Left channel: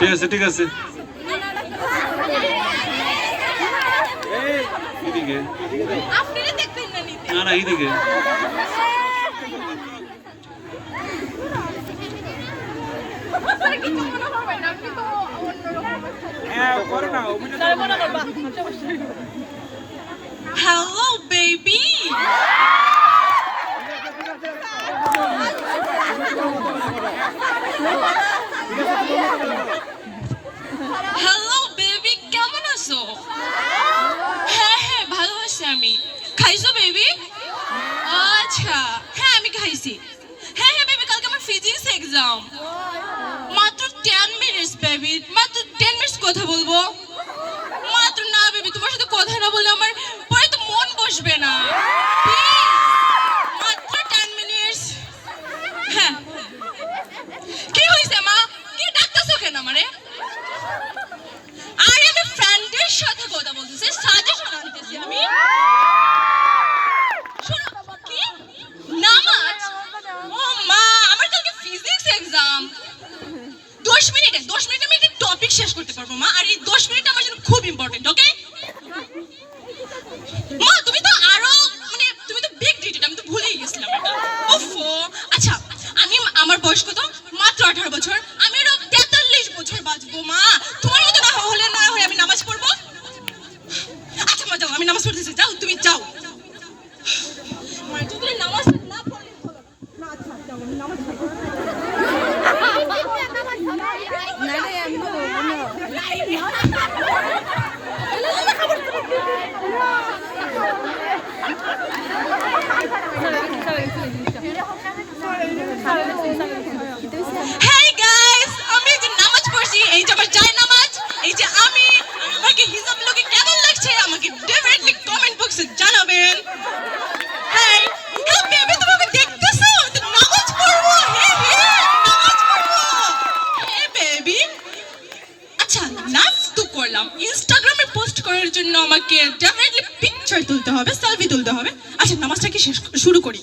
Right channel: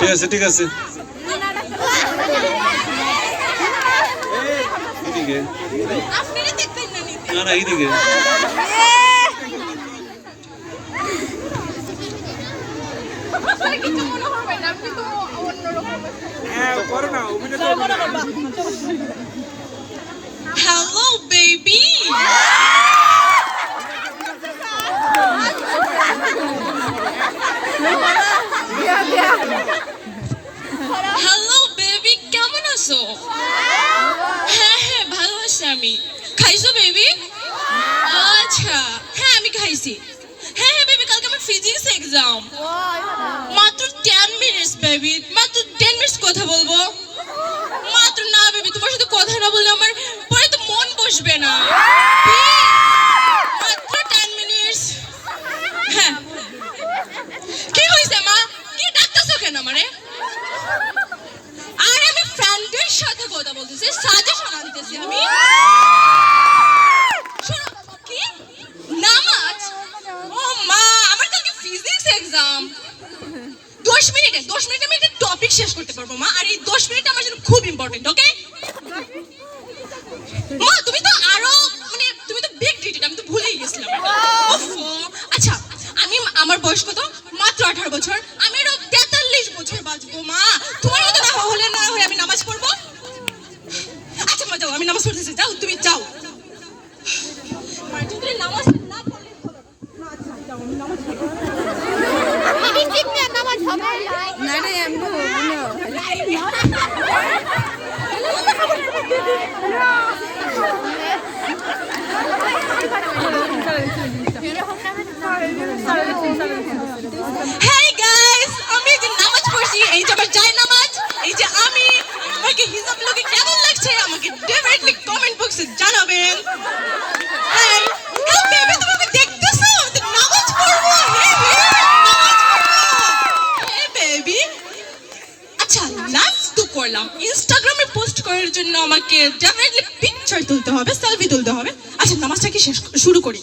ঠিক আছে ঠিক আছে এইদিকে না না এইদিকে Hello, baby. Hello, baby. কেমন আছো? হ্যাঁ হ্যাঁ ভালো আছি আমি। খাইছো বেবি? আচ্ছা হ্যাঁ আমি খাইছি। হ্যাঁ হ্যাঁ বেবি কালকে আমার ফিজিক্স এক্সাম। মাত্র 10 মিনিটস বেবি, মাত্র 10 মিনিটস কথা বলবো। মাত্র না বেবি, তোমার সাথে কথা না বললে আমার পরে তো মন বসবে না। মাত্র 10 মিনিটস। হ্যাঁ কি হইছে মা? কি ডাকতেছো কেন আমারে? আরে আমি ফ্রেন্ডের সাথে কথা বলতেছি, সাজেশন আনতেছি আমি। শোনো বাবা, কি নামাজ? ও মা, আমার কালকে ফিজিক্স এক্সাম। 10 মিনিটে আমি একটা টপিক শেষ করতে পারবো মা, আর এই 10 মিনিট আমার জন্য খুব ইম্পর্টেন্ট। ওকে মা, তুমি তো আরো মানে তুমি তো বিগ ডিটেল, আমি তো ভুলেই গেছিলাম। ওফো আচ্ছা, আমার বয়স কত? মাত্র 18 বছর। আমি আরো 43 বছর বাঁচবো মা। তোমার মতো না হলে আমি নামাজ পড়বো। আচ্ছা মা যাও, আমি নামাজ পড়তেছি। যাও তুমি যাও। মা যদি নামাজ না পড়লে হলো না। আচ্ছা যাও, আমি নামাজ পড়বো। Hey guys, আমি যে নামাজ পড়ছি, এই যে আমার জায় নামাজ, এই যে আমি আমাকে হিজাব লোকে কেমন লাগছে আমাকে ডেফিনেটলি কমেন্ট বক্সে জানাবেন। হাই বেবি, তুমি দেখতেছো তো নামাজ পড়বো। হে বেবি আচ্ছা নাচ তো করলাম, ইনস্টাগ্রামে পোস্ট করার জন্য আমাকে ডেফিনেটলি পিকচার তুলতে হবে, সেলফি তুলতে হবে। আচ্ছা নামাজটা কি শুরু করি।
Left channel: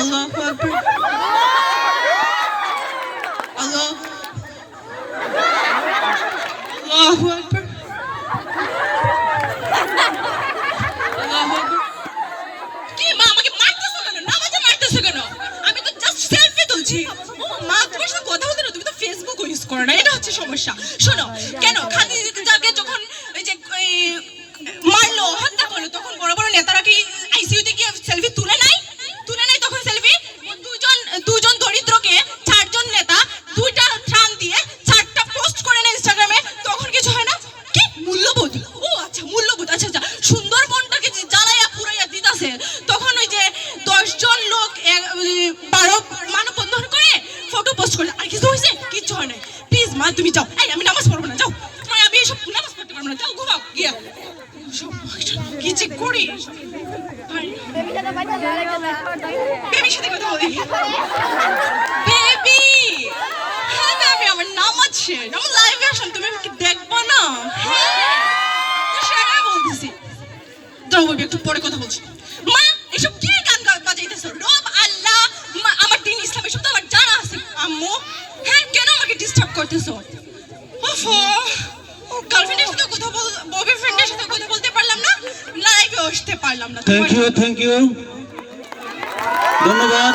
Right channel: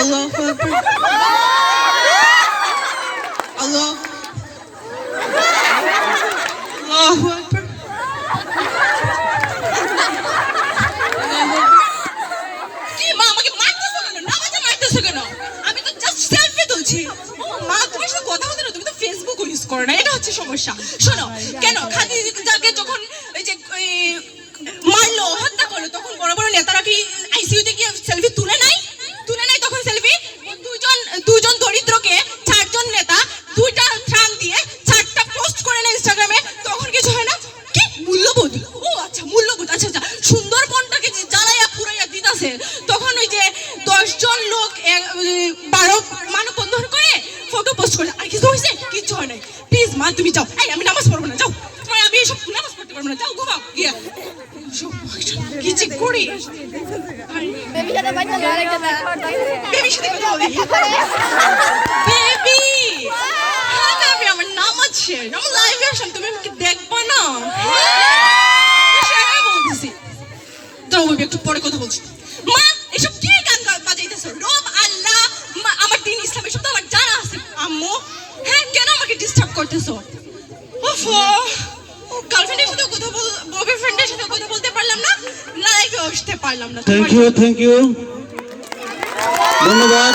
আল্লাহু আকবার, আল্লাহু আকবার। কি মা আমাকে মারতেছো কেন? নামাজে মারতেছো কেন? আমি তো জাস্ট সেলফি তুলছি। ও মা, তোমার সাথে কথা বলতে না, তুমি তো ফেসবুক ইউজ করো না, এটা হচ্ছে সমস্যা। শোনো কেন খাদিজাকে যখন ওই যে মারলো, হত্যা করলো, তখন বড় বড় নেতারা কি আইসিইউতে কি সেলফি তুলে নাই? তখন সেলফি দুজন দরিদ্রকে 4 জন নেতা 2টা ত্রাণ দিয়ে 4টা পোস্ট করে না ইনস্টাগ্রামে, তখন কিছু হয় না? কি মূল্যবোধ? ও আচ্ছা মূল্যবোধ। আচ্ছা আচ্ছা, সুন্দরবনটাকে যে জ্বালাইয়া পুরাইয়া দিতাছে, তখন ওই যে 10 জন লোক 12 মানববন্ধন করে ফটো পোস্ট করে, আর কিছু হয়েছে? কিচ্ছু হয় নাই। প্লিজ মা তুমি যাও। এই আমি নামাজ পড়বো না, যাও। আমি এসব নামাজ পড়তে পারবো না, যাও ঘুমাও। কি যে করি বেবির সাথে কথা বলি। বেবি হ্যাঁ বেবি, আমার নামাজ শেষ, আমার লাইভে আসেন, তুমি কি দেখবো না? হ্যাঁ বলতেছি, দাঁড়াও বেবি একটু পরে কথা বলছি। মা এসব কি গান বাজাইতেছো? রব আল্লাহ, আমার দিন ইসলাম এসব তো আমার জানা আছে আম্মু। হ্যাঁ কেন আমাকে ডিস্টার্ব করতেছো? ওফো, গার্লফ্রেন্ডের সাথে কথা বয়ফ্রেন্ডের সাথে কথা বলতে পারলাম না, লাইভে আসতে পারলাম না। থ্যাংক ইউ ধন্যবাদ।